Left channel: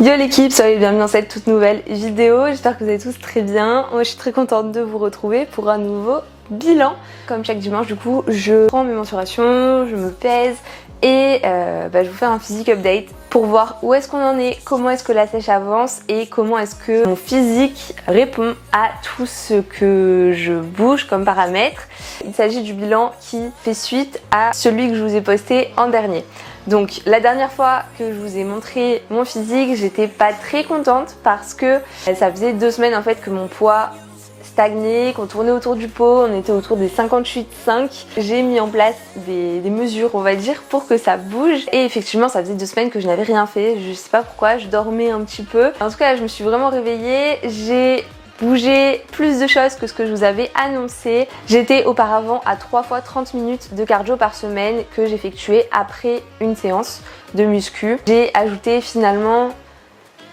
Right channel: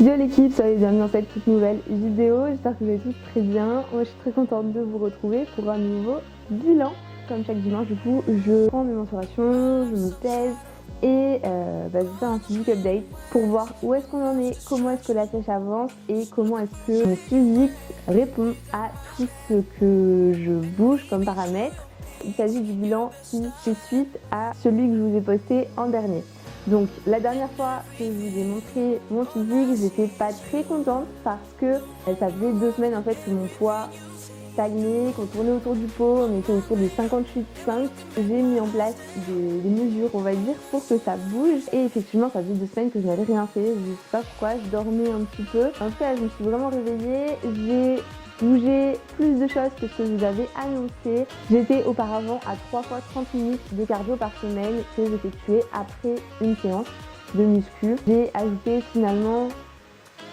Yo l'équipe, soyez bienvenue dans cette toute nouvelle vidéo, j'espère que vous allez tous très bien. Moi je suis très contente de vous retrouver pour un nouveau bilan. Comme chaque dimanche du coup, je prends mes mensurations, je me pèse et je vous fais un physique update pour voir où est-ce qu'on en est, comment est-ce que la sèche avance et comment est-ce que mon physique répond à tout ce que je bouge comme paramètres. Il s'agit du bilan qui fait suite à celui que je vous ai posté en dernier. Donc la dernière fois que je vous ai montré mon physique, j'étais pas très contente parce que ça faisait 2 semaines en fait que mon poids stagnait, qu'on tournait autour du pot, on était autour des 58,5. J'ai mis en place des mesures on va dire pour que ça bouge et effectivement ça faisait 2 semaines que je n'avais rien fait, je sais pas pourquoi, je dormais un petit peu. En tout cas je me suis vraiment réveillée, j'ai bougé plus de choses que ce que je vous avais annoncé. J'étais auparavant à 3 fois 30 minutes de cardio par semaine que j'effectuais après une séance de muscu. J'ai ajouté finalement,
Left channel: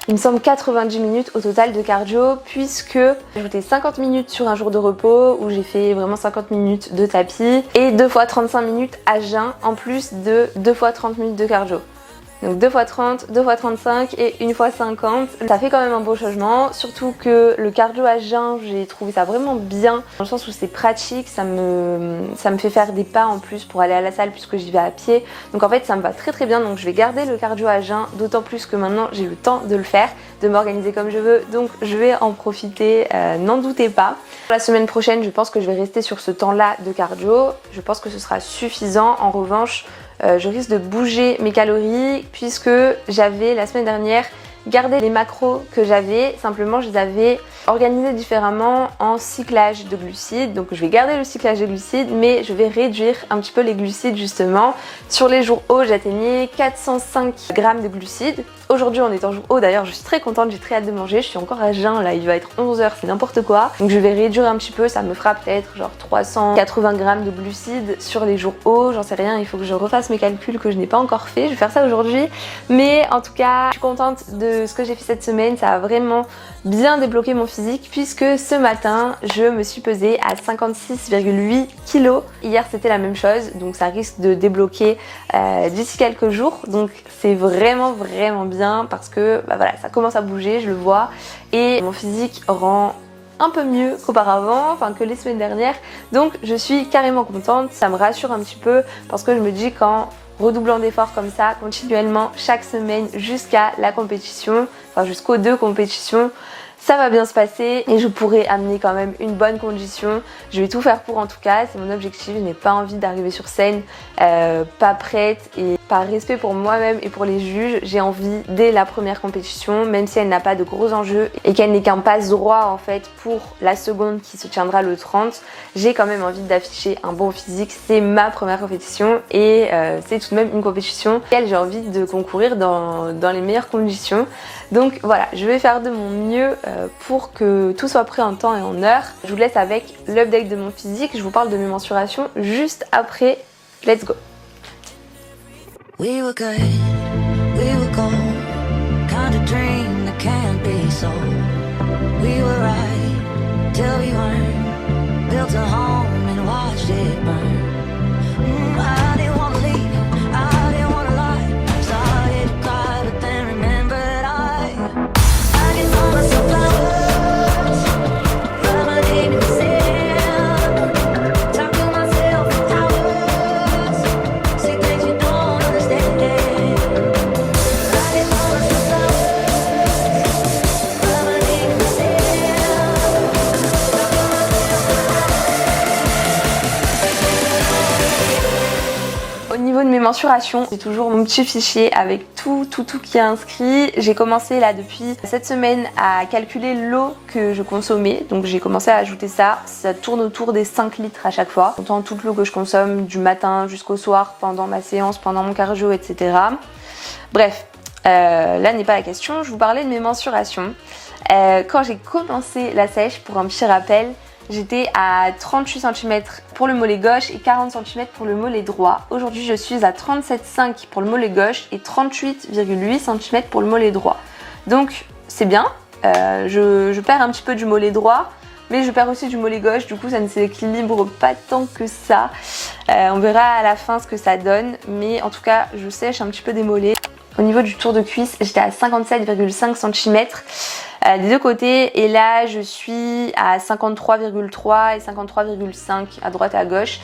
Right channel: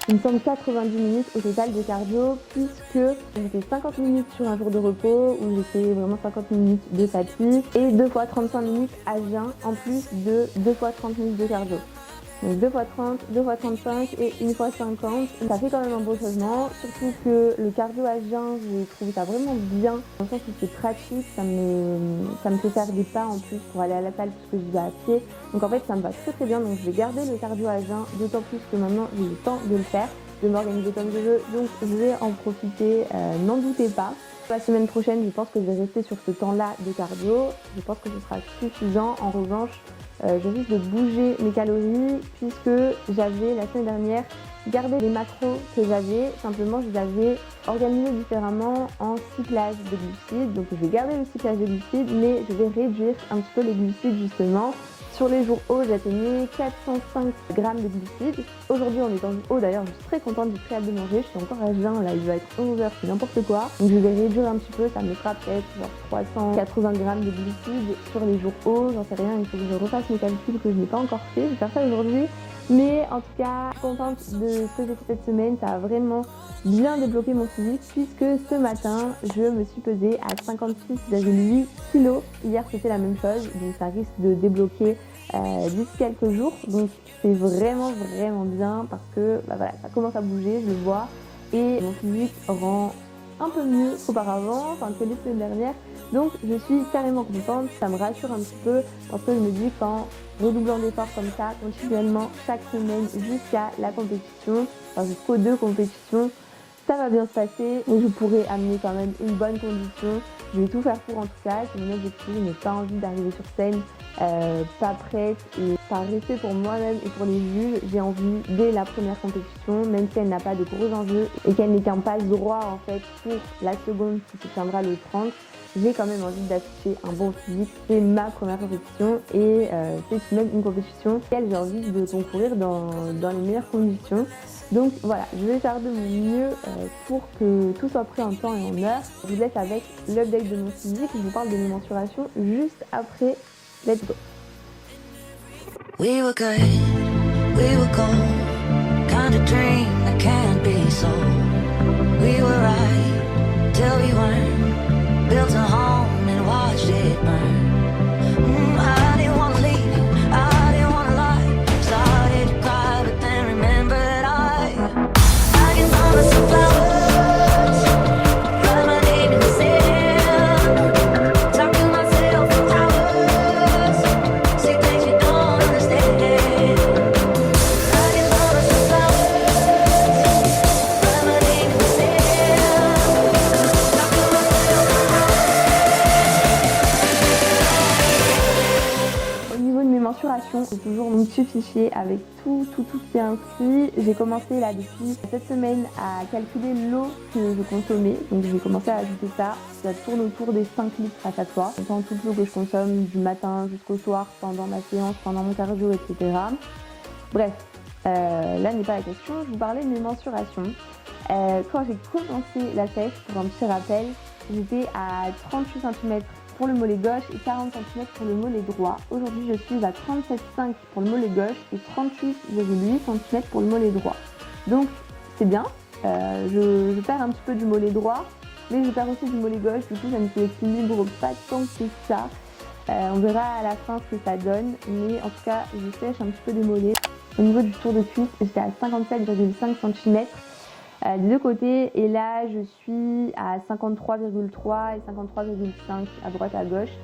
il me semble 90 minutes au total de cardio puisque j'ai ajouté 50 minutes sur un jour de repos où j'ai fait vraiment 50 minutes de tapis et 2 fois 35 minutes à jeun en plus de 2 fois 30 minutes de cardio. Donc 2 fois 30, 2 fois 35 et 1 fois 50. Ça fait quand même un beau changement, surtout que le cardio à jeun, j'ai trouvé ça vraiment bien, dans le sens où c'est pratique, ça me fait faire des pas en plus pour aller à la salle puisque j'y vais à pied. Donc en fait ça me va très très bien, donc je vais garder le cardio à jeun, d'autant plus que maintenant j'ai le temps de le faire, de m'organiser comme je veux, donc je vais en profiter, n'en doutez pas. La semaine prochaine, je pense que je vais rester sur ce temps-là de cardio, je pense que ce sera suffisant. En revanche, je risque de bouger mes calories puisque j'avais la semaine dernière gardé les macros que j'avais, simplement je les avais organisés différemment en cyclage de glucides. Donc je vais garder le cyclage de glucides mais je vais réduire un petit peu les glucides justement. Sur les jours hauts j'atteignais 405 grammes de glucides. Aujourd'hui on est en jour haut, d'ailleurs je suis très contente, j'ai très hâte de manger, je suis encore à jeun là, il va être 11 h, c'est n'importe quoi. Donc je vais réduire un petit peu, ça me fera peut-être genre 380 grammes de glucides sur les jours hauts, j'en sais rien, il faut que je refasse mes calculs que je n'ai pas encore fait, je vais faire ça aujourd'hui. Mais en tout cas, je suis contente de ce que j'ai fait cette semaine, ça a vraiment bien débloqué mon physique puisque ce matin je me suis pesée à 56,8 kg. Hier c'était la même chose, donc ça risque de débloquer d'ici quelques jours, donc c'est vraiment bien parce que voilà, ça commence à bouger, je le vois et mon physique rend un peu mieux qu'auparavant, enfin que les semaines dernières, donc je suis carrément contente. Ça me rassure un petit peu parce que je me dis qu'en redoublant d'efforts comme ça continuellement chaque semaine jusqu'à la compétition, enfin jusqu'aux 2 compétitions, ça va bien se passer et je pourrai amener quand même une bonne condition. Je vais tout faire pour, en tout cas, c'est mon objectif. Je n'ai pas envie d'arriver sur scène pas prête et par respect pour moi-même et pour les juges, j'ai envie dès la première compétition, même si elle n'a pas de gros enjeux et qu'elle n'est qu'un passe droit en fait pour la seconde qui se tiendra le 30, j'ai quand même envie d'afficher un bon physique. C'est ma première compétition et c'est tout de même une compétition dans laquelle j'ai envie de concourir dans les meilleures conditions. Donc voilà, je vais faire de mon mieux pour que tout soit prêt en temps et en heure. Je vous laisse avec l'update de mon physique, je vous parle de mes mensurations juste après. Let's go! We were good, we were gold, kind of dream that can't be sold. We were right, till we weren't, built a home and watched it burn. I didn't want to leave, I didn't want to lie, started to cry but then remembered I can buy myself flowers, write my name in the sand, talk to myself for hours, say things you don't understand. I can buy myself flowers, write my name in the sand, talk to myself for hours. Au niveau de mes mensurations, j'ai toujours mon petit fichier avec tout qui est inscrit. J'ai commencé là depuis cette semaine à calculer l'eau que je consommais. Donc j'ai commencé à ajouter ça. Ça tourne autour des 5 litres à chaque fois. Autant toute l'eau que je consomme du matin jusqu'au soir, pendant ma séance, pendant mon cardio, etc. Bref, là n'est pas la question. Je vous parlais de mes mensurations. Quand j'ai commencé la sèche, pour un petit rappel, j'étais à 38 cm pour le mollet gauche et 40 cm pour le mollet droit. Aujourd'hui, je suis à 37,5 pour le mollet gauche et 38,8 cm pour le mollet droit. Donc, c'est bien. Je perds un petit peu du mollet droit, mais je perds aussi du mollet gauche. Du coup, ça ne s'équilibre pas tant que ça. On verra à la fin ce que ça donne. Mais en tout cas, je sèche un petit peu des mollets. Au niveau du tour de cuisse, j'étais à 57,5 cm des deux côtés et là je suis à 53,3 et 53,5 à droite et à gauche.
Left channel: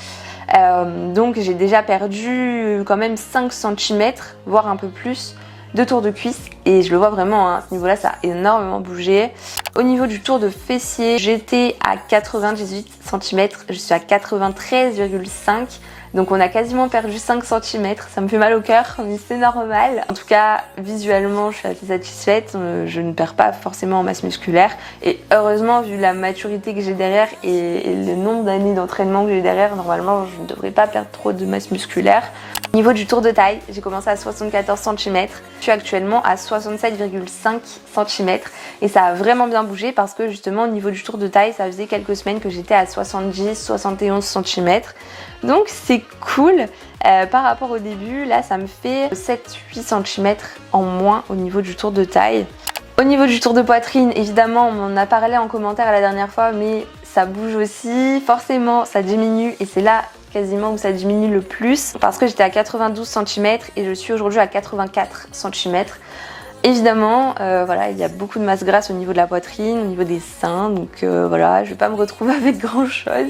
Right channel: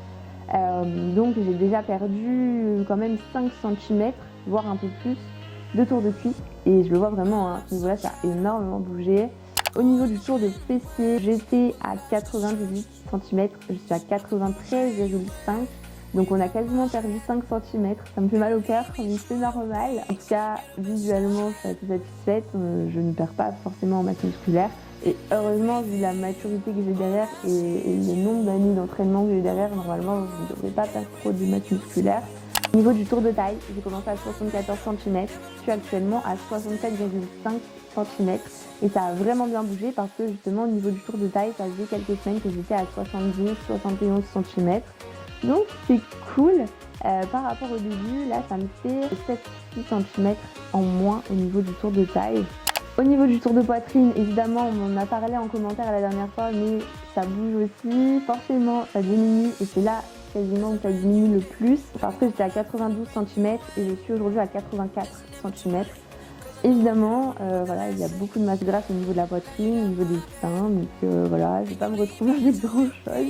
Donc j'ai déjà perdu quand même 5 cm, voire un peu plus de tour de cuisse et je le vois vraiment, hein, à ce niveau-là ça a énormément bougé. Au niveau du tour de fessier, j'étais à 98 cm, je suis à 93,5. Donc on a quasiment perdu 5 cm, ça me fait mal au cœur, mais c'est normal. En tout cas, visuellement, je suis assez satisfaite, je ne perds pas forcément en masse musculaire. Et heureusement, vu la maturité que j'ai derrière et le nombre d'années d'entraînement que j'ai derrière, normalement, je ne devrais pas perdre trop de masse musculaire. Au niveau du tour de taille, j'ai commencé à 74 cm, je suis actuellement à 67,5 cm et ça a vraiment bien bougé parce que justement au niveau du tour de taille, ça faisait quelques semaines que j'étais à 70-71 cm. Donc c'est cool. Par rapport au début, là ça me fait 7-8 cm en moins au niveau du tour de taille. Au niveau du tour de poitrine, évidemment on en a parlé en commentaire la dernière fois, mais ça bouge aussi, forcément ça diminue et c'est là quasiment où ça diminue le plus parce que j'étais à 92 cm et je suis aujourd'hui à 84 cm. Évidemment, voilà, il y a beaucoup de masse grasse au niveau de la poitrine, au niveau des seins, donc voilà, je vais pas me retrouver avec grand chose.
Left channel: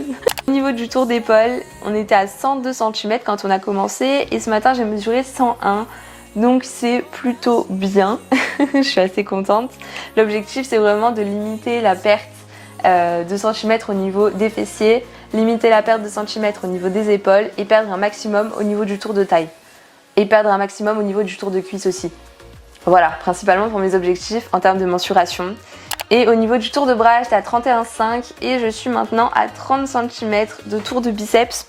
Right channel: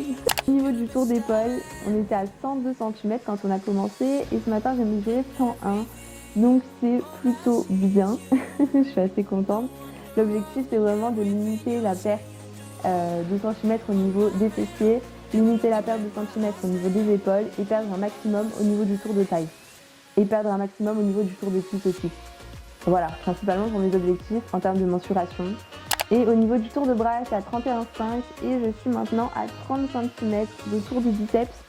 Au niveau du tour d'épaule, on était à 102 cm quand on a commencé et ce matin j'ai mesuré 101, donc c'est plutôt bien, je suis assez contente. L'objectif c'est vraiment de limiter la perte de centimètres au niveau des fessiers, limiter la perte de centimètres au niveau des épaules et perdre un maximum au niveau du tour de taille. Et perdre un maximum au niveau du tour de cuisse aussi. Voilà, principalement pour mes objectifs en termes de mensuration. Et au niveau du tour de bras, j'étais à 31,5 et je suis maintenant à 30 cm de tour de biceps.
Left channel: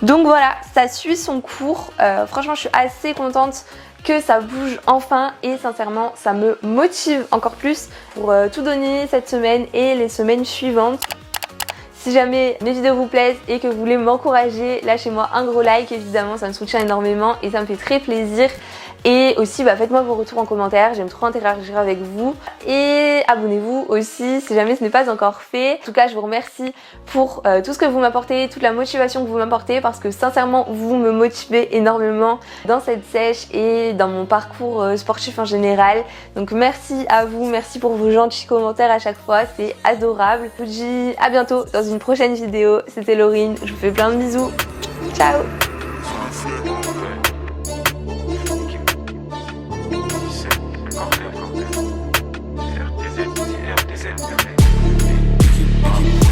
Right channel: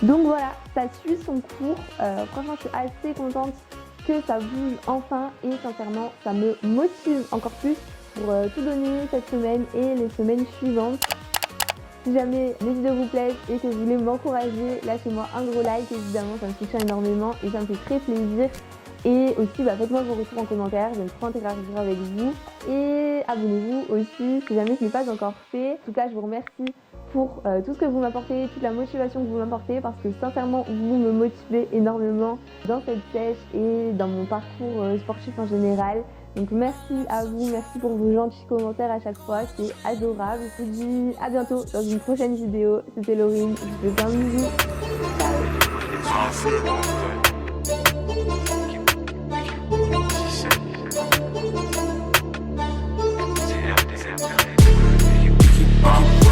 Donc voilà, ça suit son cours. Franchement, je suis assez contente que ça bouge enfin et sincèrement, ça me motive encore plus pour tout donner cette semaine et les semaines suivantes. Si jamais mes vidéos vous plaisent et que vous voulez m'encourager, lâchez-moi un gros like, évidemment ça me soutient énormément et ça me fait très plaisir. Et aussi faites-moi vos retours en commentaire, j'aime trop interagir avec vous. Et abonnez-vous aussi si jamais ce n'est pas encore fait. En tout cas je vous remercie pour tout ce que vous m'apportez, toute la motivation que vous m'apportez parce que sincèrement vous me motivez énormément dans cette sèche et dans mon parcours sportif en général. Donc merci à vous, merci pour vos gentils commentaires à chaque fois, c'est adorable. Je vous dis à bientôt dans une prochaine vidéo, c'était Laurine, je vous fais plein de bisous, ciao. Keep